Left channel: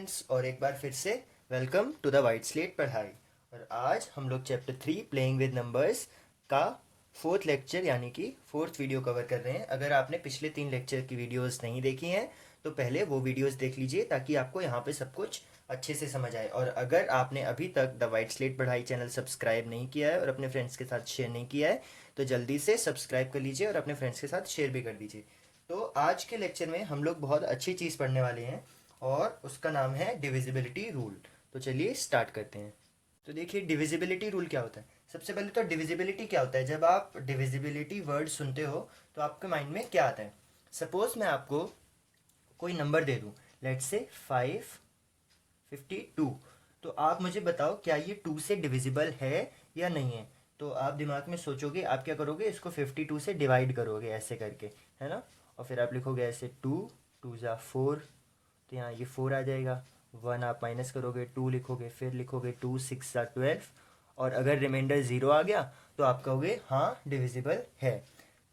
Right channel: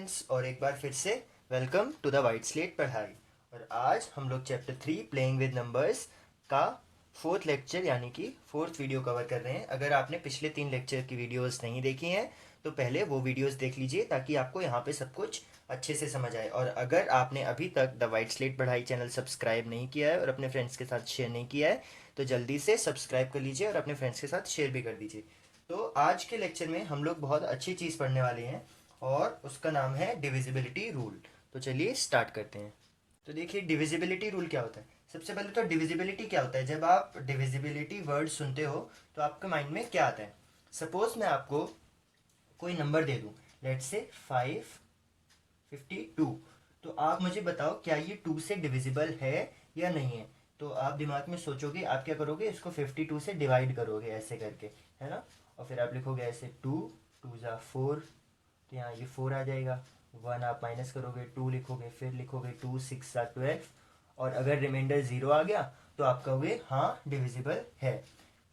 Friends, और एक बार फिर से welcome to the White Slate पढ़ाई। और आज हम लोग चैप्टर 3 प्लेइंग विद नंबर्स का फोर्थ लेक्चर यानी कि फोर्थ वीडियो कवर कर रहे हैं। अगर आपने पिछले 3 लेक्चर की वीडियोस नहीं देखी हैं तो पहले वो वीडियोस देख लीजिए ताकि आपको यहाँ पे सब कुछ अच्छे से समझ आए। और अगर आपने अभी तक द वाइट स्लेट पढ़ाई चैनल सब्सक्राइब नहीं किया है और अपने फ्रेंड्स के साथ शेयर नहीं किया है तो जल्दी से सब्सक्राइब कर लीजिए और अपने फ्रेंड्स के साथ शेयर भी कर दीजिए। तो आज के लेक्चर में हम लोग बहुत अच्छी चीज़ पढ़ने वाले हैं और उसका नाम है डिविजिबिलिटी रूल। तो चलिए स्टार्ट करते हैं। तो देखिए डिविजिबिलिटी रूल क्या होता है। सबसे पहले तो डिविजिबिलिटी क्या होता है। जब आप डिविजिबिलिटी वर्ड सुनते हो तो आपके माइंड में क्या आता है। सपोज मैं आपको कोई नंबर दे दूं, लेट्स से 552, तो आप मुझे बताओ क्या ये 2 से डिविजिबल है या नहीं है। तो आप दिमाग में सोचोगे, आप क्या करोगे, इसको 52 से डिवाइड करोगे ऐसे करके, है ना। और फिर आप लिखोगे ऐसे 2 2 ज़ा 4, तो यहाँ ये 4 आ जाएगा। 1 आप माइनस करोगे, 2 लिखोगे, फिर लिखोगे 2 6 ज़ा 12, और अगर रिमाइंडर 0 आ गया तो आप कहोगे हाँ डिविजिबल है।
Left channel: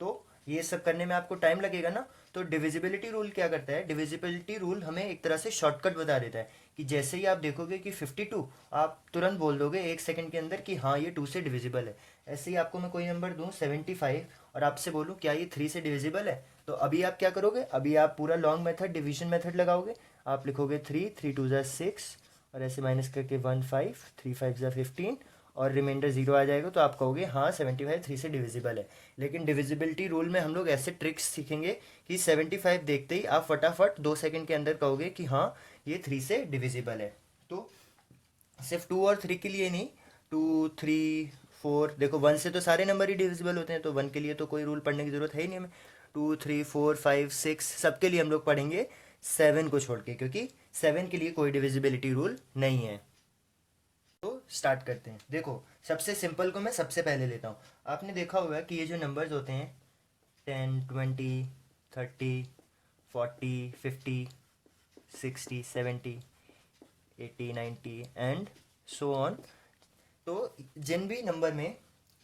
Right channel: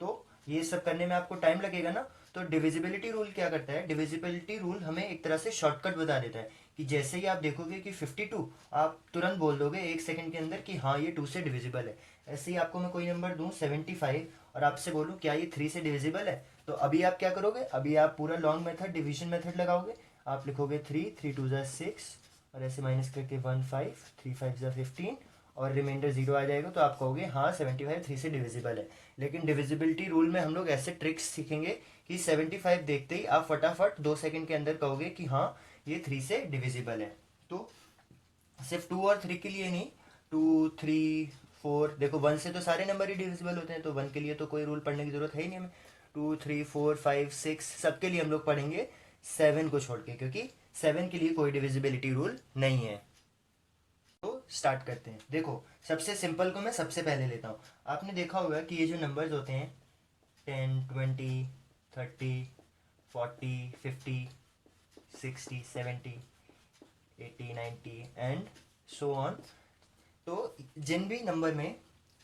तो ये सब करने में आपको टाइम लगेगा ना। तो डिविजिबिलिटी रूल क्या करता है, डिविजिबिलिटी रूल हमें एक तरह से शॉर्टकट बता देता है कि जैसे ही आप देखोगे कि 52, आप तुरंत बोल दोगे 1 सेकंड के अंदर कि हाँ ये 2 से डिविजिबल है। ऐसे ही आपको मैं कोई नंबर दूं 75 और आपसे बोलूं क्या ये 3 से डिविजिबल है, तो अभी आप क्या करोगे, अभी आप पूरा लॉन्ग मेथड डिवीजन मेथड लगाओगे। आप लिखोगे 3 3 2 ज़ा 6 और ऐसे माइनस करके 1 5 3 5 ज़ा 15 और रिमाइंडर 0 आ जाएगा, तो आप कहोगे हाँ 75 3 से डिविजिबल है। लेकिन डिविजिबिलिटी रूल में हम लोग ऐसे ट्रिक्स सीखेंगे कि 75 देखते ही आप फटाफट 2 सेकंड के अंदर कहोगे कि हाँ ये 3 से डिविजिबल है। तो सिर्फ 2 और 3 के लिए नहीं, 2 3 4, देखो 1 से तो सारे नंबर ही डिविजिबल होते हैं, तो 1 के लिए तो कोई रूल पढ़ने की जरूरत है ही नहीं हमें। 2 3 4 5 6 सबके लिए हम लोग पढ़ेंगे 7 को छोड़ के, क्योंकि 7 के लिए कोई डिविजिबिलिटी रूल नहीं है। तो स्टार्ट करते हैं। देखो सबसे सिंपल को मैं सबसे पहले लेता हूँ। आपने देखा होगा कि ये जो नंबर्स होते हैं 10 20 30 40 50 60 70 80 90 एंड सो ऑन। तो जिन भी नंबर में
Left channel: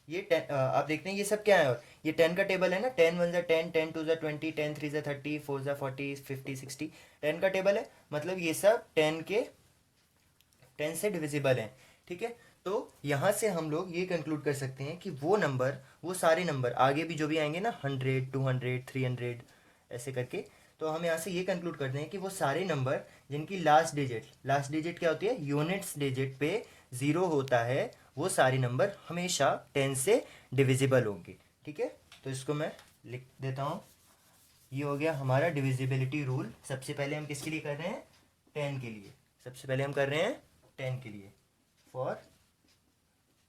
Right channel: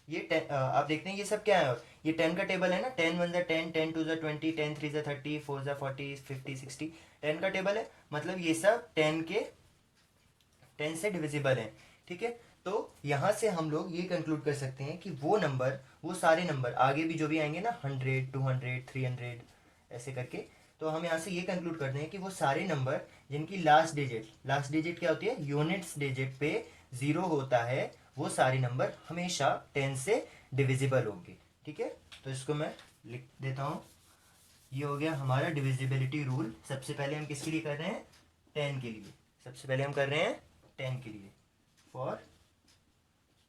ये 10 आप देखते हैं ये सब क्या है, ये 10 का टेबल है ना। 10 1 ज़ा 10, 10 2 ज़ा 20, 10 3 ज़ा 30, 4 ज़ा 40, 50 60, 10 का टेबल है। मतलब ये सब 10 से डिविजिबल है, ठीक है। तो यहाँ से हम लोग ये कंक्लूड कर सकते हैं कि वो नंबर, वो सारे नंबर आगे भी जो भी आएंगे ना 100 200 300 ऐसे करके, तो हम यहाँ से ये कंक्लूड करते हैं कि वो सारे नंबर जिनकी लास्ट डिजिट क्या होती है, यूनिट्स डिजिट पे 0 होता है, वो सारे नंबर हमेशा 10 से डिविजिबल होंगे, ठीक है। तो इसको मैं लिख देता हूँ। ये हो गया हमारा डिविजिबिलिटी रूल। सबसे पहले हम किसके लिए कर रहे हैं, 10 के लिए। सबसे पहले हम कर रहे हैं 10 के लिए। फॉर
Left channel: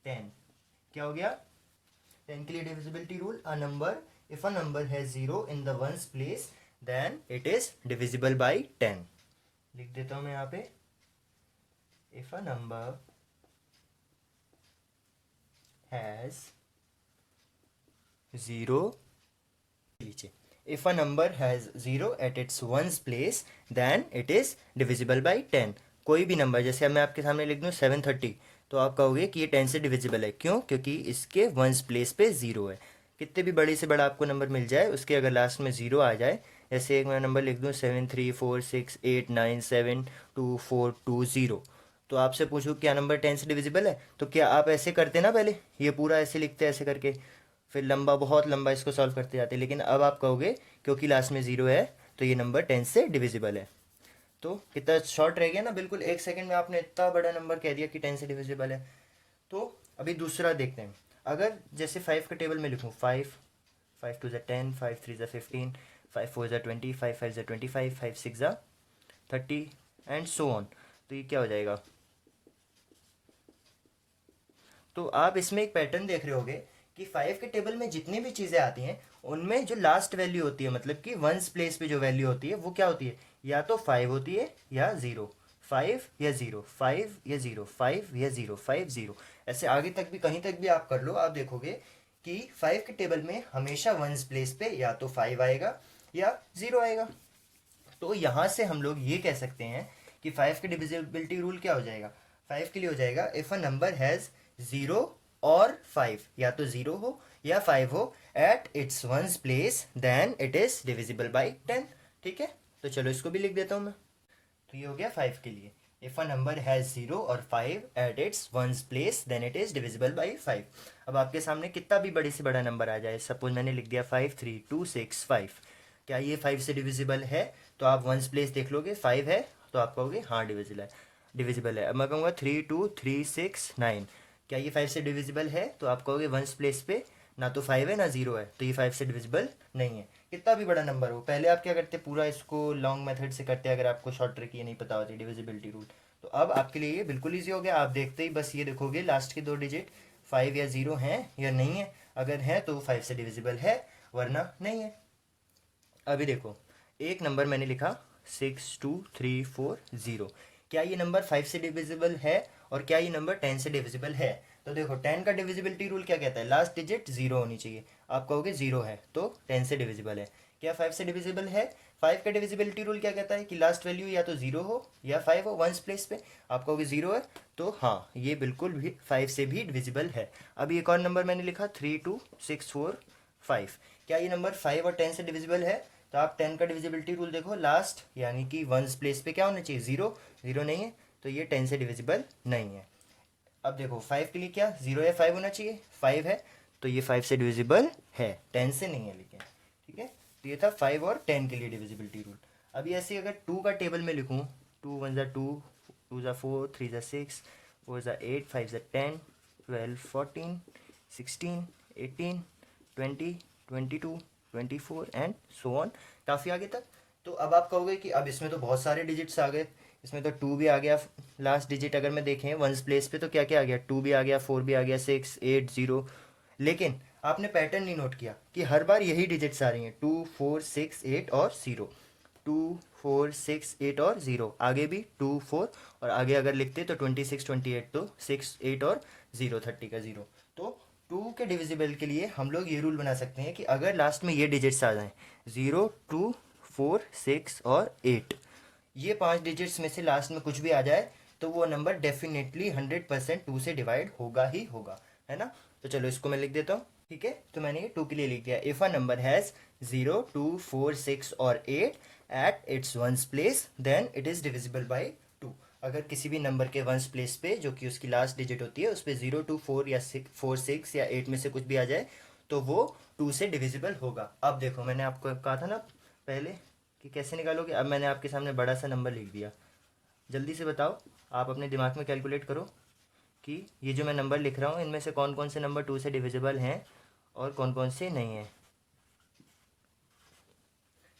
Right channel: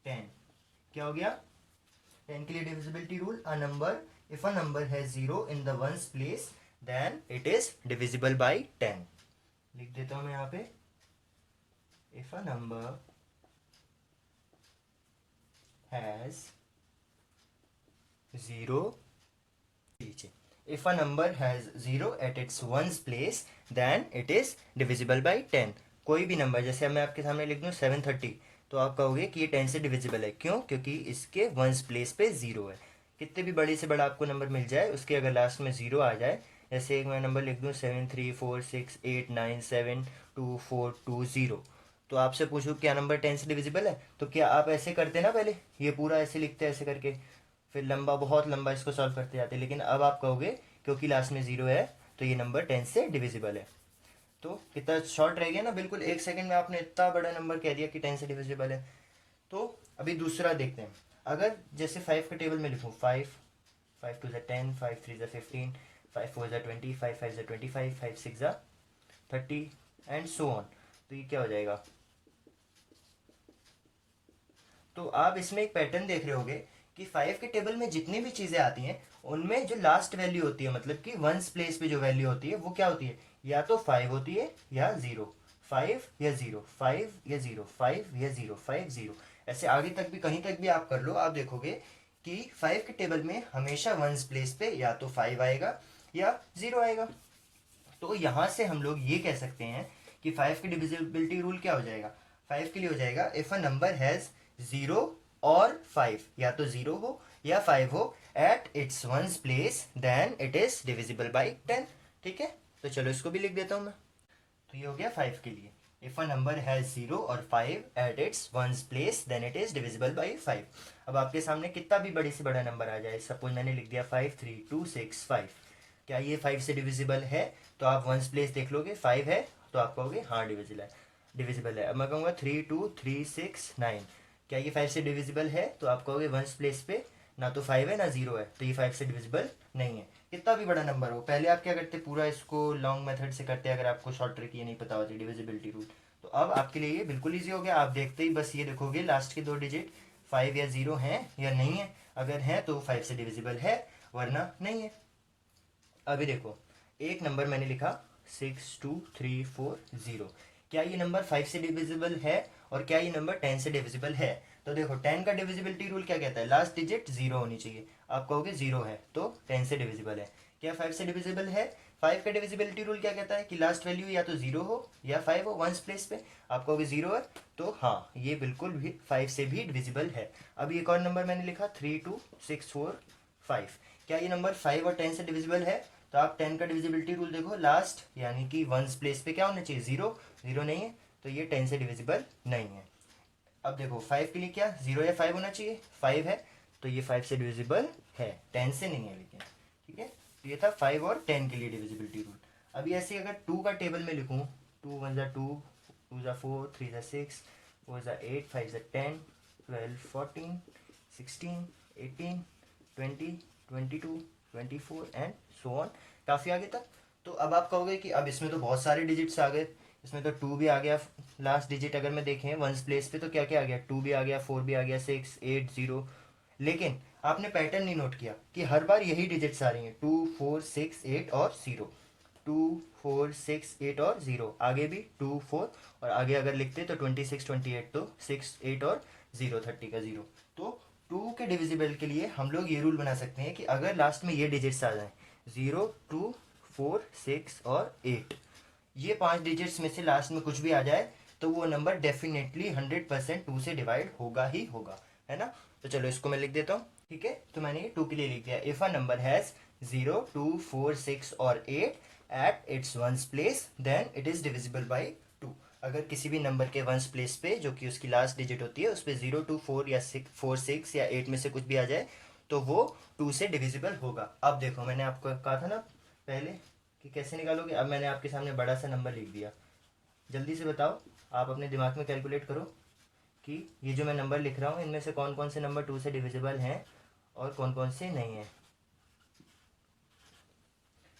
10 क्या हो गया, 10 के लिए divisibility rule, a number if a number has 0 in the ones place then it is divisible by 10। लिख देता हूं मैं यहाँ पे, इफ अ नंबर हैज 0, नीचे, if a number has 0 at its ones place then it is divisible by 10। कोई भी number, जैसे अब मैं आपके सामने लिख दूं 730, तो आप कहोगे कि ये 10 से डिविजिबल है। क्यों, क्योंकि इसके वंस प्लेस पे 0 है। कितने भी बड़े से बड़ा आपको नंबर मिल जाए, उसके अगर लास्ट में 0 आ जाए, जैसे एक मैं नंबर लिख दूं 7 3 4 6 8 9 7 2 4 2 0, तो आपसे पूछूं क्या नंबर 10 से डिविजिबल है, तो क्या आप ऐसे करते ना, पहले ये पूरा ऐसे लिखते ऐसे करके, फिर लंबा, बहुत लंबा इसको सॉल्व करते जाते। लेकिन अब आप कहोगे क्योंकि लास्ट में 0 है तो ये नंबर 10 से डिविजिबल है। तो कितना शॉर्ट रह गया ना, बिल्कुल 1 सेकंड में आपने इतना बड़ा नंबर कह दिया कि 10 से डिविजिबल है। तो अभी दूसरा देखते हैं। अगर जैसे 5 का टेबल में लिखूँ, 5 5 2 ज़ा 10, 5 3 ज़ा 15, 5 4 ज़ा 20, 5 5 ज़ा 25, 5 6 ज़ा 30 एंड सो ऑन, तो ये क्या हो जाएगा। तो आप इसमें एक पैटर्न देख रहे होगे कि 5 के टेबल में जितनी भी चीजें आती हैं उनमें जो लास्ट वैल्यू होती है, मतलब कि वंस प्लेस पे जो वैल्यू होती है वो क्या होती है, या तो 5 होती है या 0, 5 या 0, 5 या 0, 5 या 0, 5 0, ऐसे आगे तक भी कहीं तक भी आप कर लो, आप देखोगे कि 5 के टेबल में हमेशा वंस प्लेस पे या तो 5 आएगा या 0 आएगा। तो यहां से हम लोग ये कह सकते हैं कि 5 की डिविजिबिलिटी रूल क्या हो जाएगा, 5 के लिए हो जाएगा इफ अ नंबर हैज 0 और 5, या तो 0 हो या 5 हो at its ones place then it is divisible by 10, ठीक है। तो चलो इसको भी लिख देता हूं मैं। तो ये हो गया 5 के लिए। इफ अ नंबर हैज 0 और 5 at its ones place then it is divisible by 5। अब आपके सामने कितना भी बड़े से बड़ा नंबर आ जाए, सपोज मैंने लिख दिया 5 3 2 6 5, क्या ये 5 से डिविजिबल है? तो आप वंस प्लेस देख लोगे, 5 है तो आप कहोगे हाँ डिविजिबल है। अब मैं कहूँगा 3 2 3 6 9, क्या ये 5 से डिविजिबल है? तो आप कहोगे वंस प्लेस पे ना तो 5 है ना 0 है, तो ये 5 से डिविजिबल नहीं है। कितना भी बड़ा नंबर हो, पहले आप क्या करते, पूरा इसको लॉन्ग मेथड से करते अगर आपको शॉर्ट ट्रिक ये नहीं पता होती डिविजिबिलिटी रूल। तो अब आपके लिए ये बिल्कुल ईजी हो गया। आप देखते ही बस ये देखोगे लास्ट के 2 डिजिट 5 या 0 हैं या नहीं है। अगर है तो 5 से डिविजिबल है, वरना नहीं है। अभी देखो, एक नंबर मैंने लिखा 62340, क्या ये नंबर 5 से डिविजिबल है और क्या ये नंबर 10 से डिविजिबल है? तो देखो 10 का डिविजिबिलिटी रूल क्या कहता है, लास्ट डिजिट 0 होनी चाहिए। आप कहोगे 0 है तो 10 से डिविजिबल है। क्या 5 से डिविजिबल है? 5 का डिविजिबिलिटी रूल क्या कहता है कि लास्ट वैल्यू या तो 0 हो या 5 हो वंस प्लेस पे। आप कहोगे 0 है, तो हाँ ये बिल्कुल भी 5 से भी डिविजिबल है। अभी एक और नंबर मैंने लिखा 32645, क्या ये नंबर 5 और 10 से डिविजिबल है? तो आप 10 का डिविजिबिलिटी रूल देखो, लास्ट यानी कि वंस प्लेस पे क्या होना चाहिए, 0। 0 नहीं है तो ये 10 से डिविजिबल नहीं है। अब देखो 5 के लिए क्या 0 या 5 होना चाहिए, 5 है तो ये 5 से डिविजिबल है, 10 से नहीं है लेकिन। ठीक है, तो ये था 5 और 10 के लिए डिविजिबिलिटी रूल। अभी ऐसे अगर 2 का टेबल में लिखूँ, 2 1 ज़ा 2, 2 ज़ा 4, 3 ज़ा 6, 4 ज़ा 8, 5 ज़ा 10, 12 14 16 18 20 22 24 एंड सो ऑन, काफ़ी आगे तक। तो अब आप कहोगे कि अब इसमें तो बहुत सारे डिजिट्स आ गए, इसमें तो 2 भी आ गया लास्ट डिजिट, अगर मैं देखें वंस प्लेस पे तो क्या क्या आ गया, 2 भी आ गया, 4 भी आ गया, 6 8 0। लेकिन आपने पैटर्न नहीं नोट किया कि हर बार यही डिजिट्स आ रही हैं, 2 4 6 8 और 0, 2 4 6 8 और 0, आगे भी 2 4, और आगे अगर लिखते तो 26 28, तो 6 8 और 0 30 का 0। तो 2 के डिविजिबल के लिए हम लोग ये रूल बना सकते हैं कि अगर लास्ट में ये डिजिट्स आ जाएं 0 2 4 6 और 8, ये 5 डिजिट्स में से लास्ट में कुछ भी आ जाए तो वो नंबर डेफिनेटली 100% 2 से डिवाइड होगा ही होगा, है ना। तो चलो इसको मैं लिख देता हूँ। ठीक है, तो मैंने ये 2 के लिए लिख दिया, इफ अ नंबर हैज 0 2 4 6 और 8 at its ones place then it is divisible by 2। अगर किसी भी नंबर के वंस प्लेस पे जो कि उसकी लास्ट डिजिट होती है उस पर 0 2 4 या 4 6 या 8 में से कुछ भी आ जाए तो वो 2 से डिविजिबल होगा। अब देखो मैंने आपको कहा था ना पहले कि कैसे निकालोगे, अब मैंने आपके सामने बड़ा सा नंबर लिख दिया, जल्दी से बताओ, आप अपने दिमाग में कैलकुलेट करो कि ये जो मैं नंबर लिख रहा हूँ इनमें से कौन कौन से नंबर 2 से डिविजिबल हैं और कौन कौन से नहीं हैं।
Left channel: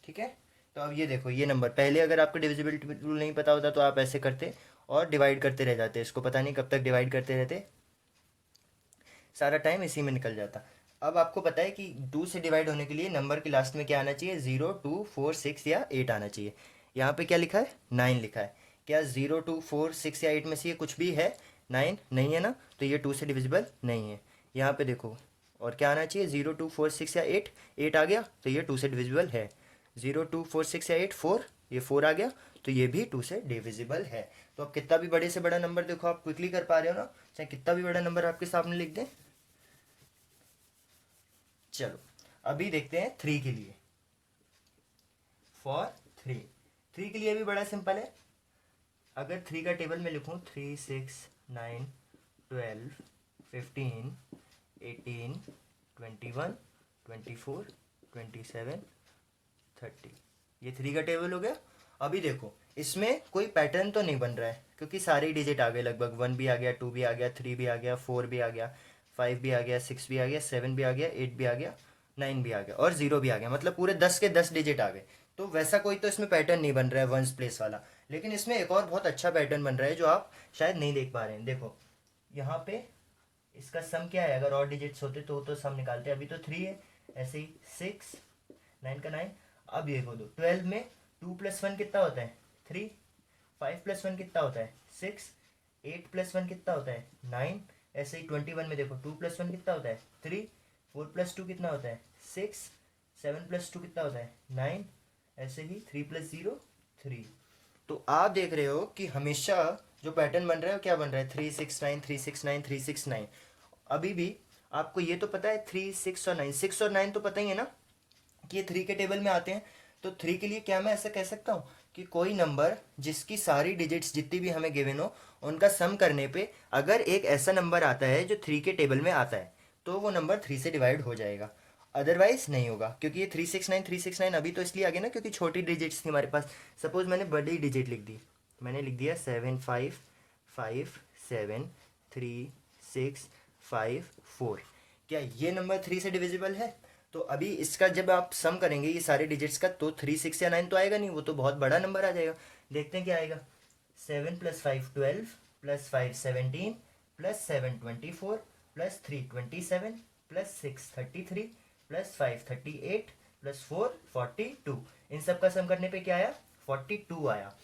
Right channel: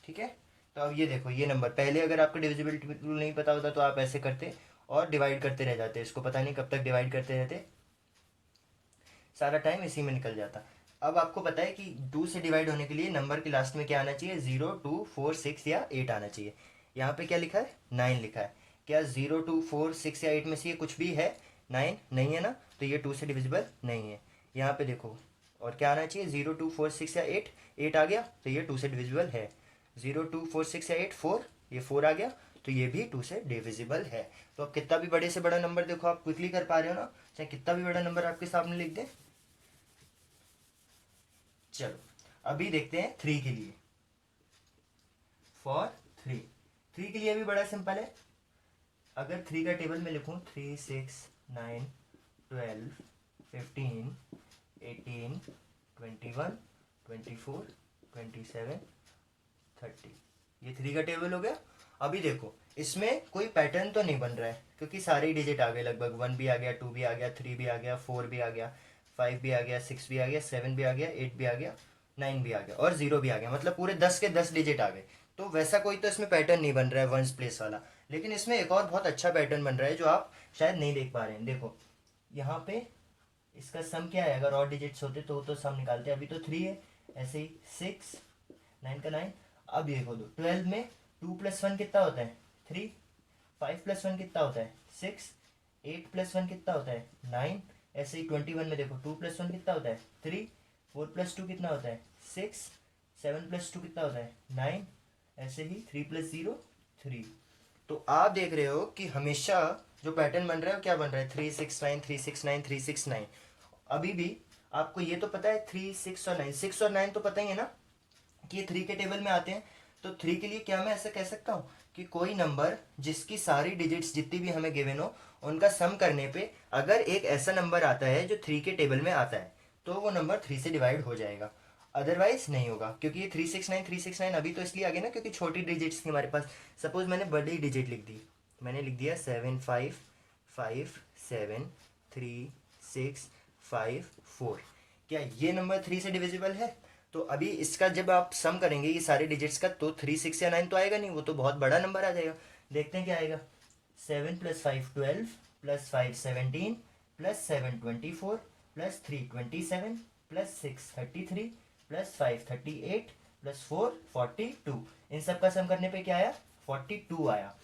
ठीक है, तो अब ये देखो, ये नंबर पहले अगर आपको डिविजिबिलिटी रूल नहीं पता होता तो आप ऐसे करते और डिवाइड करते रह जाते, इसको पता नहीं कब तक डिवाइड करते रहते, सारा टाइम इसी में निकल जाता। अब आपको पता है कि 2 से डिवाइड होने के लिए नंबर के लास्ट में क्या आना चाहिए, 0 2 4 6 या 8 आना चाहिए। यहाँ पे क्या लिखा है, 9 लिखा है। क्या 0 2 4 6 या 8 में से ये कुछ भी है, 9 नहीं है ना, तो ये 2 से डिविजिबल नहीं है। यहाँ पे देखो, और क्या आना चाहिए, 0 2 4 6 या 8, 8 आ गया तो ये 2 से डिविजिबल है। 0 2 4 6 या 8 4, ये 4 आ गया तो ये भी 2 से डिविजिबल है। तो अब कितना भी बड़े से बड़ा नंबर देखो आप क्विकली कर पा रहे हो ना, चाहे कितना भी बड़ा नंबर आपके सामने लिख दें। चलो अभी देखते हैं 3 के लिए, फॉर 3, 3 के लिए भी बड़ा सिंपल है। अगर 3 का टेबल में लिखूं 3 6 9 12 15 18 21 24 27 30, ये 3 का टेबल हो गया। अभी देखो इसमें कोई पैटर्न तो नहीं बन रहा है क्योंकि सारे डिजिट आ गए लगभग, 1 भी आ गया, 2 भी आ गया, 3 भी आ गया, 4 भी आ गया, 5 भी आ गया, 6 भी आ गया, 7 भी आ गया, 8 भी आ गया, 9 भी आ गया और 0 भी आ गया, मतलब पूरे 10 के 10 डिजिट आ गए। तो वैसा कोई तो इसमें पैटर्न नहीं बन रहा है वंस प्लेस वाला। लेकिन इसमें एक और बहुत अच्छा पैटर्न बन रहा है जो आप शायद नहीं देख पा रहे हैं। देखो यहाँ पे इसका सम क्या है, अगर और डिजिट्स होते तो सम निकालते, अभी तो 3 है, ऐसे ही 6 9 का 9। अब देखो दो 12 में 2 + 1 कितना होता है, 3, 5 + 1 कितना होता है, 6, 8 + 1 कितना होता है, 9। ऐसे ही 21 में देखो 2 + 1 कितना होता है, 3, 4 + 2 कितना होता है, 6, 7 + 2 कितना होता है, 9। ऐसे ही 3 + 0 3। तो आप देख रहे हो कि हमेशा जो पैटर्न बन रहा है वो क्या बन रहा है, 3 6 9 3 6 9 3 6 9। अभी भी आपको ये तो पता है 3 6 और 9, 6 और 9 तो पता ही है ना कि ये 3 के टेबल में आते हैं। तो 3 के लिए क्या मैं ऐसा कह सकता हूँ कि कोई नंबर जिसकी सारी डिजिट्स जितनी भी हमें गिवन हो उनका सम करने पे अगर एक ऐसा नंबर आता है जो 3 के टेबल में आता है तो वो नंबर 3 से डिवाइड हो जाएगा, अदरवाइज नहीं होगा। क्योंकि ये 369 अभी तो इसलिए आ गया ना क्योंकि छोटी डिजिट्स थी हमारे पास। सपोज मैंने बड़ी डिजिट लिख दी, मैंने लिख दिया 7557365 4। क्या ये नंबर 3 से डिविजिबल है? तो अभी इसका जब आप सम करेंगे ये सारे डिजिट्स का तो 3 6 या 9 तो आएगा नहीं, वो तो बहुत बड़ा नंबर आ जाएगा। देखते हैं क्या आएगा। 7 + 5 12 + 5 17 + 7 24 + 3 27 + 6 33 + 5 38 + 4 42। इन सब का सम करने पे क्या आया? 42 आया।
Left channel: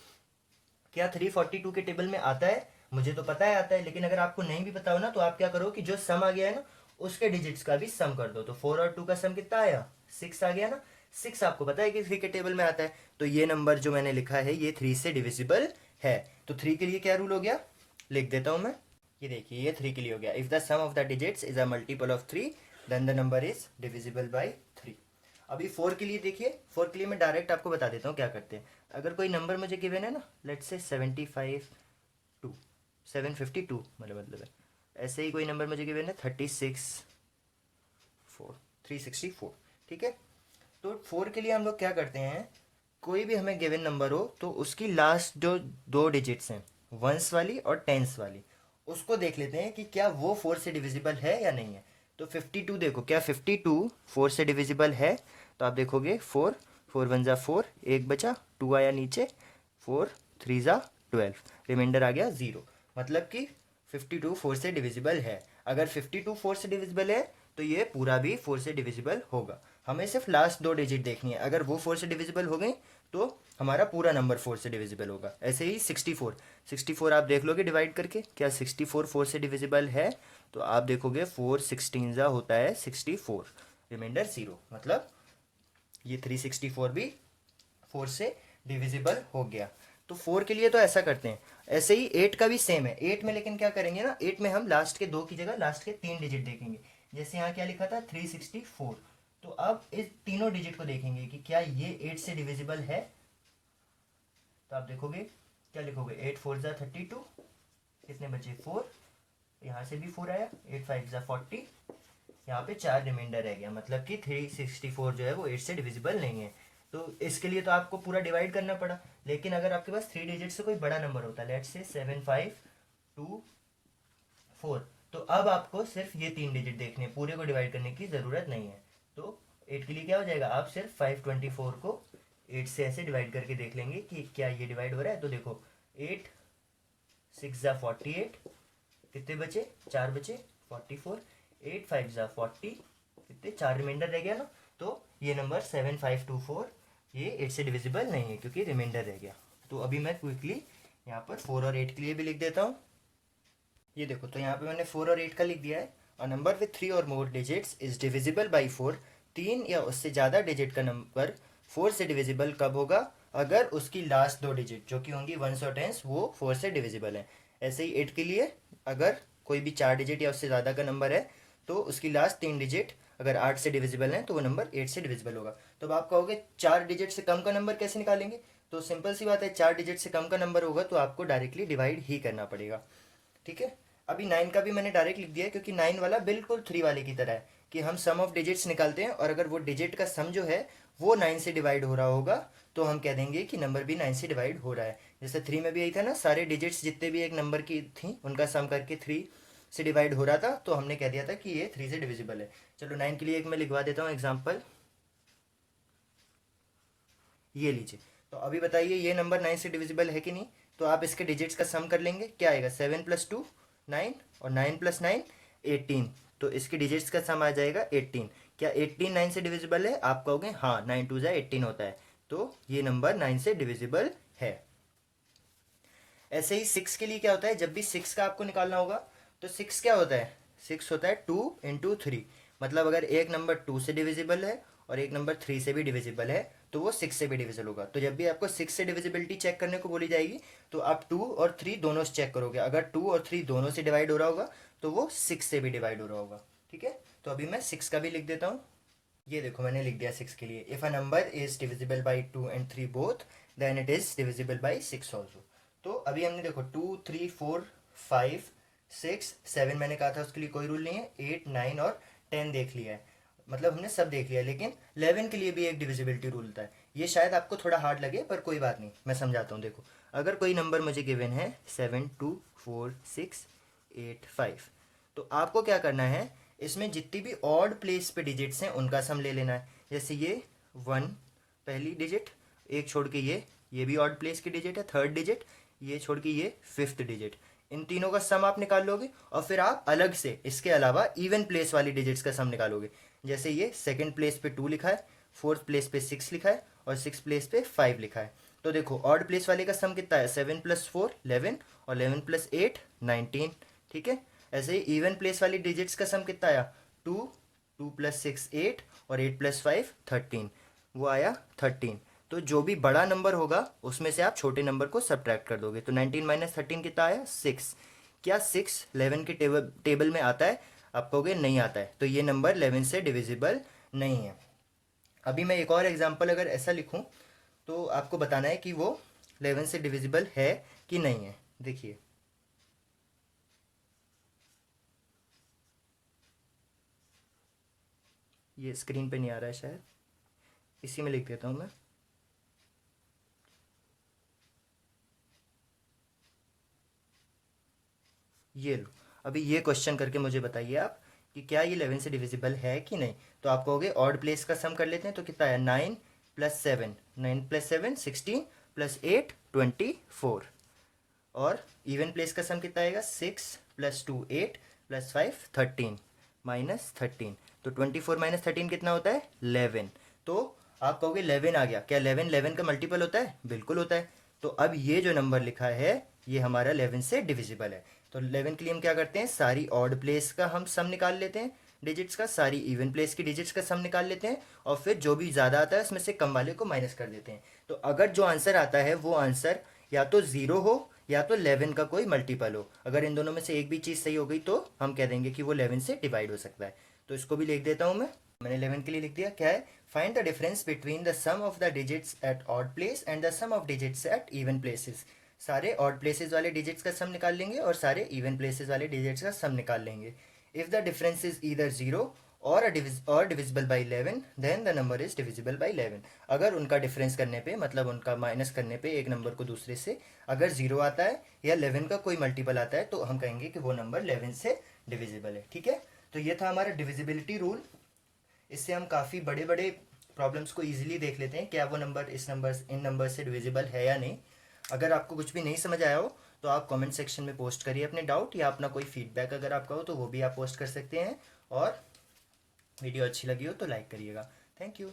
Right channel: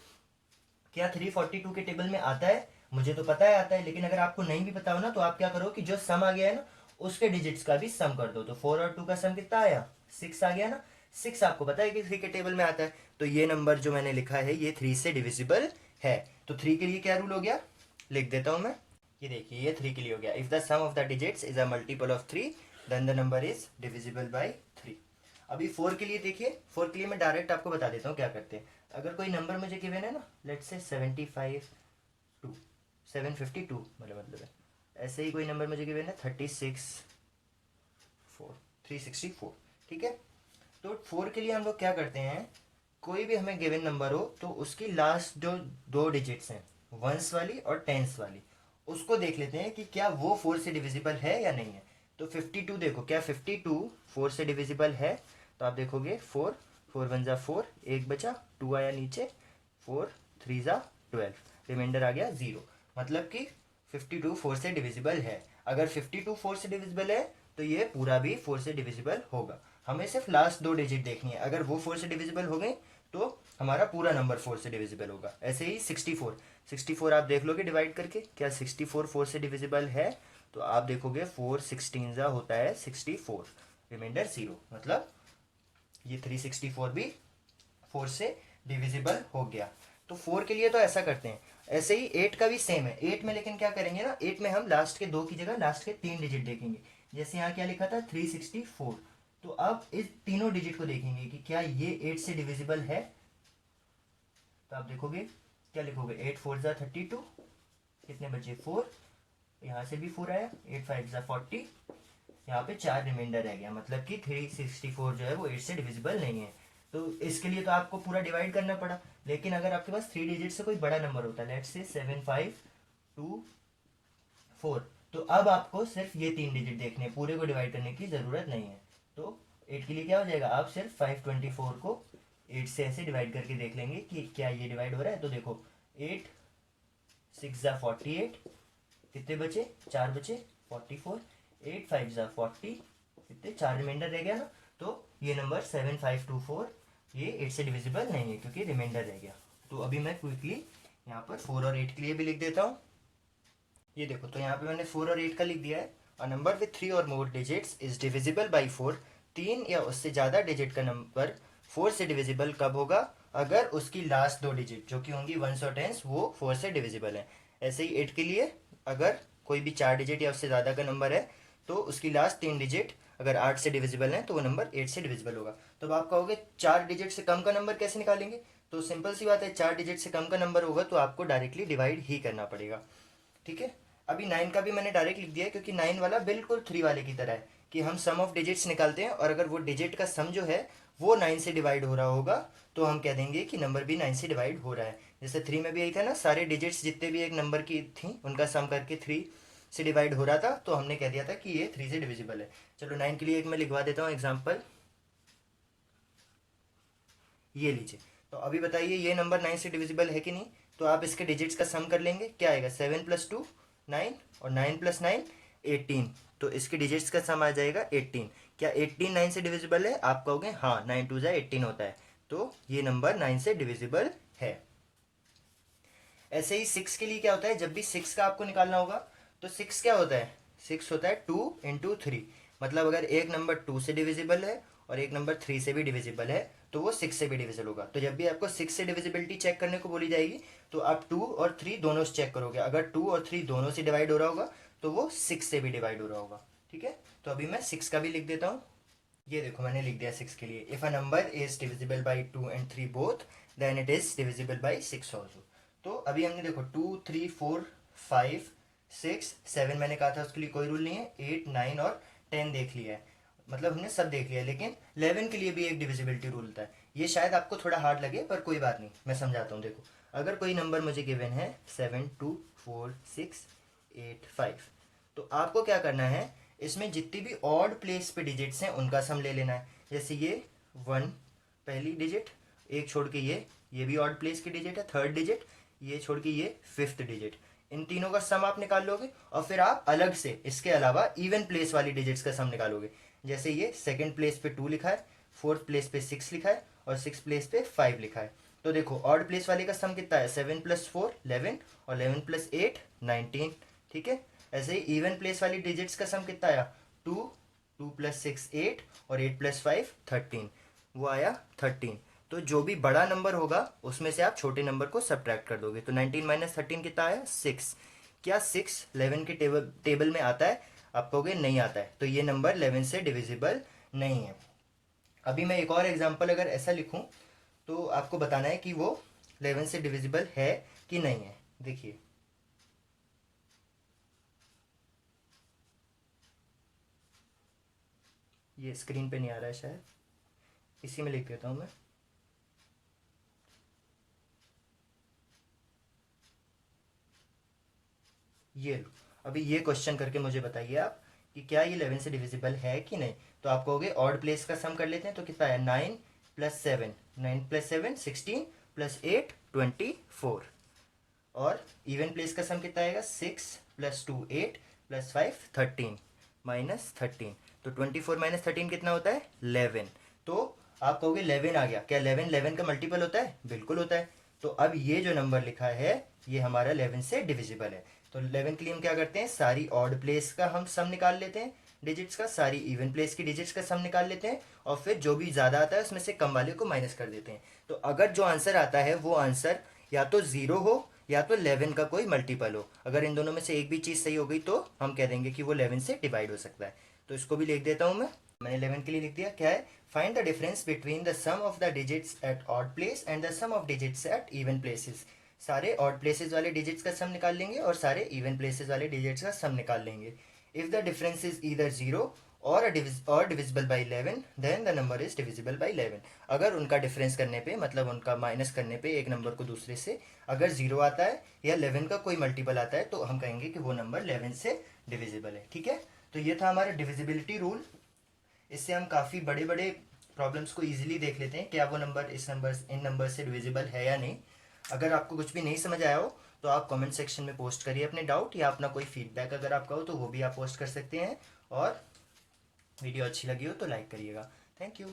क्या 342 के टेबल में आता है? मुझे तो पता है आता है, लेकिन अगर आपको नहीं भी पता हो ना तो आप क्या करो कि जो सम आ गया है ना उसके डिजिट्स का भी सम कर दो। तो 4 और 2 का सम कितना आया? 6 आ गया ना। 6 आपको पता है कि 3 के टेबल में आता है, तो ये नंबर जो मैंने लिखा है ये 3 से डिविजिबल है। तो 3 के लिए क्या रूल हो गया, लिख देता हूं मैं। ये देखिए ये 3 के लिए हो गया। If the sum of the digits is a multiple of 3 then the number is divisible by 3। अभी 4 के लिए देखिए, 4 के लिए मैं डायरेक्ट आपको बता देता हूँ क्या करते हैं। अगर कोई नंबर मुझे गिवन है ना, लेट्स से 752 मतलब है, ऐसे ही कोई नंबर मुझे गिवन है 364, ठीक है। तो 4 के लिए हम लोग क्या करते हैं, कोई भी हमें गिवन नंबर हो तो उसकी लास्ट जो दो डिजिट्स हैं वंस वाली और टेंस वाली, उसको देख लेते हैं कि क्या वो 4 से डिविजिबल है या नहीं है। तो 52 देखो, क्या 52 4 से डिविजिबल है? तो आप देखोगे 4 4 1 ज़ा 4, एक बचा, 2 आया नीचे, 4 3 ज़ा 12, रिमाइंडर आ गया 0। मतलब कि 52 4 से डिविजिबल है। अगर 52 4 से डिविजिबल है तो ये पूरा भी 4 से डिविजिबल होगा। हमें सिर्फ लास्ट दो डिजिट देखनी है, अगर वो 4 से डिविजिबल हो गई तो हमारा पूरा नंबर 4 से डिविजिबल होगा। ऐसे ही 64 आप देख लोगे डिवाइड करके, क्या 64 4 से डिविजिबल है? तो आप देखोगे 4 16 ज़ा होता है 64, रिमाइंडर 0। मतलब ये 364 भी 4 से डिविजिबल हो गया। तो 4 के लिए तो ऐसा करते हैं। ऐसे ही 8 का भी सेम है। 8 में लेकिन क्या करेंगे ना, 8 में हम लास्ट के 2 की जगह लास्ट के 3 डिजिट देखेंगे। जैसे यहाँ क्या लिखा था 364, तो अब इस तीनों डिजिट को देखेंगे कि क्या ये 8 से डिविजिबल है। तो आप देखोगे क्या लिखोगे, 8 4 ज़ा 32, कितने बचे 4, यहाँ से भी 4 आया, 8 5 ज़ा 40, यहाँ पे 4 रिमाइंडर रह गया। मतलब कि 364 जो है वो 8 से डिविजिबल नहीं है। तो इसके लिए तो आपको पूरा डिवाइड करना पड़ा। लेकिन अगर आपके पास 3 डिजिट से कोई बड़ा नंबर होता है, लेट्स से 7 5 2 4, तो अब आपको सिर्फ ये 3 डिजिट देखने हैं, पूरे को डिवाइड करने की ज़रूरत नहीं है। तो 8 के लिए क्या हो जाएगा, आप सिर्फ 524 को 8 से ऐसे डिवाइड करके देख लेंगे कि क्या ये डिवाइड हो रहा है। तो देखो 8 6 ज़ा 48, कितने बचे, 4 बचे, 44, 8 5 ज़ा 40, कितने, 4 रिमाइंडर रह गया ना। तो ये नंबर 7524 ये 8 से डिविजिबल नहीं है क्योंकि रिमाइंडर रह गया। तो अभी मैं क्विकली यहाँ पर 4 और 8 के लिए भी लिख देता हूँ। ये देखो, तो यहाँ पे मैंने 4 और 8 का लिख दिया है। अ नंबर विथ 3 और मोर डिजिट्स इज डिविजिबल बाई 4। 3 या उससे ज़्यादा डिजिट का नंबर 4 से डिविजिबल कब होगा, अगर उसकी लास्ट दो डिजिट जो कि होंगी वंस और टेंस वो 4 से डिविजिबल है। ऐसे ही 8 के लिए अगर कोई भी 4 डिजिट या उससे ज़्यादा का नंबर है तो उसकी लास्ट 3 डिजिट अगर 8 से डिविजिबल है तो वो नंबर 8 से डिविजिबल होगा। तो अब आप कहोगे 4 डिजिट से कम का नंबर कैसे निकालेंगे? तो सिंपल सी बात है, 4 डिजिट से कम का नंबर होगा तो आपको डायरेक्टली डिवाइड ही करना पड़ेगा, ठीक है। अभी 9 का भी मैंने डायरेक्ट लिख दिया है क्योंकि 9 वाला बिल्कुल 3 वाले की तरह है कि हम सम ऑफ डिजिट्स निकालते हैं और अगर वो डिजिट का सम जो है वो 9 से डिवाइड हो रहा होगा तो हम कह देंगे कि नंबर भी 9 से डिवाइड हो रहा है। जैसे 3 में भी यही था ना, सारे डिजिट्स जितने भी एक नंबर की थी उनका सम करके 3 से डिवाइड हो रहा था, तो हमने कह दिया था कि ये 3 से डिविजिबल है। चलो 9 के लिए एक मैं लिखवा देता हूँ एग्जाम्पल, ये लीजिए। तो अभी बताइए ये नंबर 9 से डिविजिबल है कि नहीं। तो आप इसके डिजिट्स का सम कर लेंगे, क्या आएगा, 7 + 2 9 और 9 + 9 18। तो इसके डिजिट्स का सम आ जाएगा 18। क्या 18 9 से डिविजिबल है? आप कहोगे हाँ, 9 2 ज़ा 18 होता है, तो ये नंबर 9 से डिविजिबल है। ऐसे ही 6 के लिए क्या होता है, जब भी 6 का आपको निकालना होगा तो 6 क्या होता है, 6 होता है 2 × 3। मतलब अगर एक नंबर 2 से डिविजिबल है और एक नंबर 3 से भी डिविजिबल है तो वो 6 से भी डिविजिबल होगा। तो जब भी आपको 6 से डिविजिबिलिटी चेक करने को बोली जाएगी तो आप 2 और 3 दोनों से चेक करोगे। अगर 2 और 3 दोनों से डिवाइड हो रहा होगा तो वो 6 से भी डिवाइड हो रहा होगा, ठीक है। तो अभी मैं 6 का भी लिख देता हूँ। ये देखो मैंने लिख दिया 6 के लिए, if a number is divisible by 2 and 3 both then it is divisible by 6 also. तो अभी हमने देखो 2 3 4 5 6 7 मैंने कहा था उसके लिए कोई रूल नहीं है, 8 9 और 10 देख लिया है, मतलब हमने सब देख लिया, लेकिन 11 के लिए भी एक डिविजिबिलिटी रूल होता है। ये शायद आपको थोड़ा हार्ड लगे पर कोई बात नहीं, मैं समझाता हूँ। देखो अगर कोई नंबर मुझे गिवन है 7 2 4 6 8 5, तो आपको क्या करना है, इसमें जितनी भी ऑड प्लेस पे डिजिट्स हैं उनका सम ले लेना है। जैसे ये 1 पहली डिजिट, एक छोड़ के ये भी ऑड प्लेस की डिजिट है, थर्ड डिजिट, ये छोड़ के ये फिफ्थ डिजिट, इन तीनों का सम आप निकाल लोगे और फिर आप अलग से इसके अलावा इवन प्लेस वाली डिजिट्स का सम निकालोगे। जैसे ये सेकंड प्लेस पे 2 लिखा है, फोर्थ प्लेस पे 6 लिखा है और सिक्स प्लेस पे 5 लिखा है। तो देखो ऑड प्लेस वाले का सम कितना है, 7 + 4 11 और 11 + 8 19, ठीक है। ऐसे ही इवन प्लेस वाली डिजिट्स का सम कितना आया, 2 2 + 6 8 और 8 + 5 13, वो आया 13। तो जो भी बड़ा नंबर होगा उसमें से आप छोटे नंबर को सब्ट्रैक्ट कर दोगे, तो 19 - 13 कितना आया, 6। क्या 6 11 के टेबल में आता है, आप कहोगे नहीं आता है, तो ये नंबर 11 से डिविजिबल नहीं है। अभी मैं एक और एग्जांपल अगर ऐसा लिखूं तो आपको बताना है कि वो 11 से डिविजिबल है कि नहीं है। देखिए ये स्क्रीन पे नहीं आ रहा है शायद, इसी में लिख देता हूं मैं। ये लो, अभी ये क्वेश्चन करके मुझे बताइए आप कि क्या ये 11 से डिविजिबल है कि नहीं। तो आप कहोगे ऑड प्लेस का सम कर लेते हैं, तो कितना है, 9 + 7, 9 + 7 16 + 8 24, और इवन प्लेस का सम कितना आएगा, 6 + 2 8 + 5 13 -13, तो 24 - 13 कितना होता है, 11। तो आप कहोगे 11 आ गया, क्या 11 11 का मल्टीपल होता है, बिल्कुल होता है। तो अब ये जो नंबर लिखा है ये हमारा 11 से डिविजिबल है। तो 11 के लिए हम क्या करते हैं, सारी ऑड प्लेस का हम सम निकाल लेते हैं डिजिट्स का, सारी इवन प्लेस की डिजिट्स का सम निकाल लेते हैं और फिर जो भी ज़्यादा आता है उसमें से कम वाले को माइनस कर देते हैं। तो अगर जो आंसर आता है वो आंसर या तो 0 हो या तो 11 का कोई मल्टीपल हो, अगर इन दोनों में से एक भी चीज़ सही हो गई तो हम कह देंगे कि वो 11 से डिवाइड हो सकता है। तो इसको भी लिख देता हूँ मैंने 11 के लिए लिख दिया, क्या है, find the difference between the sum of the digits at odd place and the sum of digits at even places. सारे ऑड प्लेसेस वाले डिजिट्स का सम निकाल लेंगे और सारे इवन प्लेसेस वाले डिजिट्स का सम निकाल लेंगे। If the difference is either 0 और divisible by 11 then the number is divisible by 11। अगर उनका डिफरेंस करने पे, मतलब उनका माइनस करने पे एक नंबर को दूसरे से, अगर 0 आता है या 11 का कोई मल्टीपल आता है तो हम कहेंगे कि वो नंबर 11 से डिविजिबल है, ठीक है। तो ये था हमारा डिविजिबिलिटी रूल। इससे हम काफ़ी बड़े बड़े प्रॉब्लम्स को ईजिली देख लेते हैं, क्या वो नंबर इन नंबर से डिविजिबल है या नहीं। अगर आपको कुछ भी नहीं समझ आया हो तो आप कमेंट सेक्शन में पोस्ट करिए अपने डाउट, या अपना कोई फीडबैक अगर आपका हो तो वो भी आप पोस्ट कर सकते हैं। और वीडियो अच्छी लगी हो तो लाइक करिएगा। Thank you.